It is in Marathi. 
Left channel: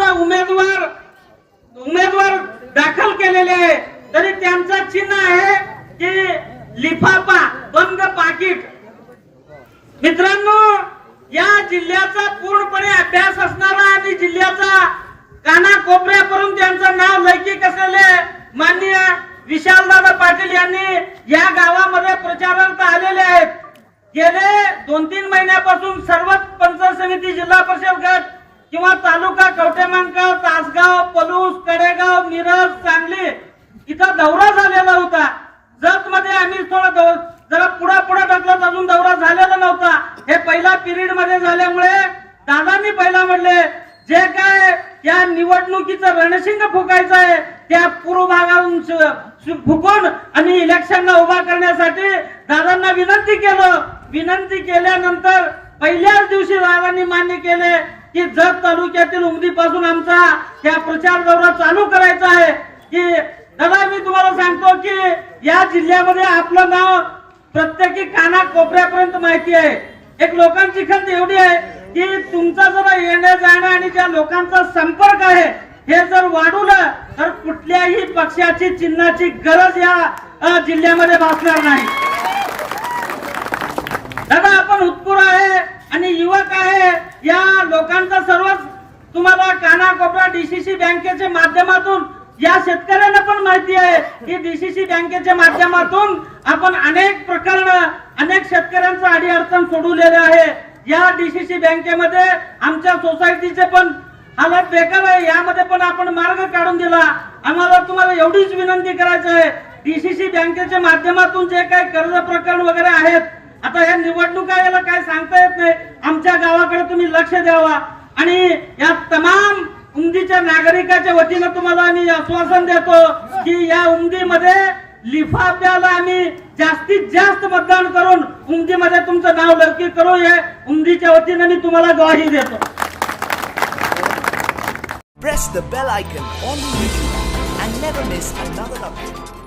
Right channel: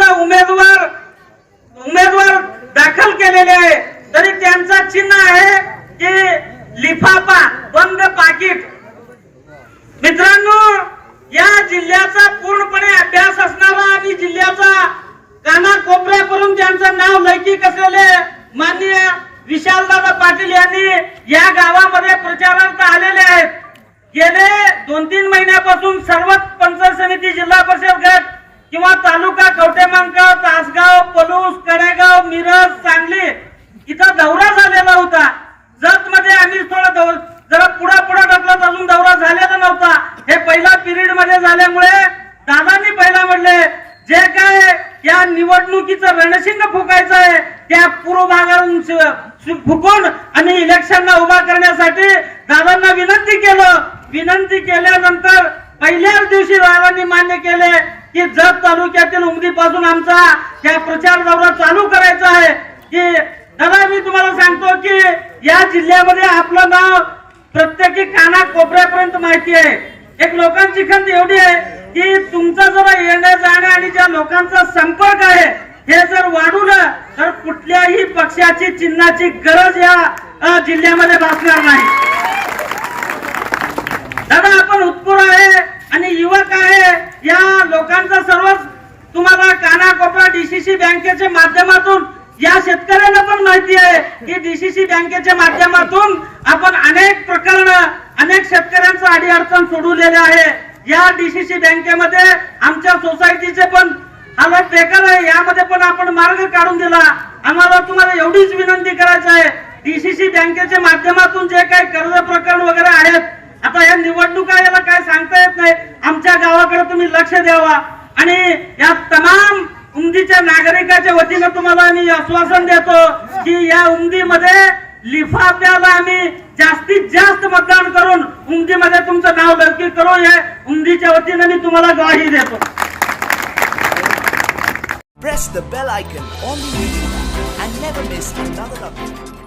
उमेदवार उमेदवार दाखल केलेले आहे. तरी त्यांचा चिन्ह आहे की लिफाफा बंद पाकिट. मित्रांनो या जिल्ह्याचा पूर्णपणे अभ्यास असणारा आणि जिल्ह्याचा कानाकोपऱ्यापर्यंत त्यांचं नाव लैकिक असलेले माननीय विशालदादा पाटील यांनी या गावामध्ये प्रचारार्थ आलेले आहेत. गेले दोन तीन महिन्यापासून सर्वच पंचायत समिती जिल्हा परिषद गट किंवा तालुका कवटेमंका तासगाव पलूस कडेगाव मिरज सांगली इथं दौरा झालेला होता. जत मध्ये आम्ही थोडं जरा पुढा पुढा ढकलत अजून दौरा झालेला नव्हता. हे पहिला पिरियडमध्ये झाल्यामुळे दादांनी पहिला म्हणले जे काय या निवडणुकीचं रणशिंग फुकायचं आहे त्या पूर्व भागातून फुकून आणि इलेक्शनला उभा करण्यासाठी दादांना विनंती केलं. विनंती केल्यानंतर पहिल्याच दिवशी दादांनी मान्य केले की जत तालुक्यातील उमदीपासून आमचा या प्रचार दौरा चालू करायचा आहे. की दादा मी तुम्हाला सांगतो की या जिल्ह्यामध्ये आपलं नाव प्रत्येकी काना कोपऱ्यापर्यंत माहिती आहे. एक लोकांची खंत एवढी आहे की तुमचा जरा येणं जाणं आणि ज्या लोकांचा संपर्क आहे हे जर वाढवलं तर कुठल्याही पक्षाची चिन्हाची गरज या जिल्ह्यामध्ये भासणार नाही दादा आपण उत्पुर आहे आणि युवक आहे. या लोकांचा सर्वच तुम्हाला कानाकोपरा डीसीसी बँकेच्या माध्यमातून या शेतकऱ्यांना पण माहिती आहे की डीसीसी बँकेच्या माध्यमातून आपण अनेक प्रकरण अनेक शेतकऱ्यांचं आडी अडचण सोडवलेले आहे. या डीसीसी बँकेमध्ये आमच्या सोसायटीचे पण हालत बेकार आहे. यामध्ये पण आपण मार्ग काढून दिला. आम्हाला तुम्हाला एवढीच विनंती करायची आहे. डीसीसी बँकेच्या माध्यमातून जे काही कर्ज प्रकरण वगैरे आहेत आता या निवडणुका याला काय सांगता येत नाही? आमच्या गावाकडे तुम्ही लक्ष द्यावा. आणि या तमाम उमदीच्या नागरिकाच्या वतीनं तुम्हाला आम्ही आश्वासन देतो की या उमदीमध्ये लिफाफ्याला आम्ही जास्तीत जास्त मतदान करून उमदीमध्ये तुमचं नाव लौकिक करू या उमदीच्या वतीनं मी तुम्हाला ग्वाही देतो. Press the bell icon on the YouTube and never miss another update.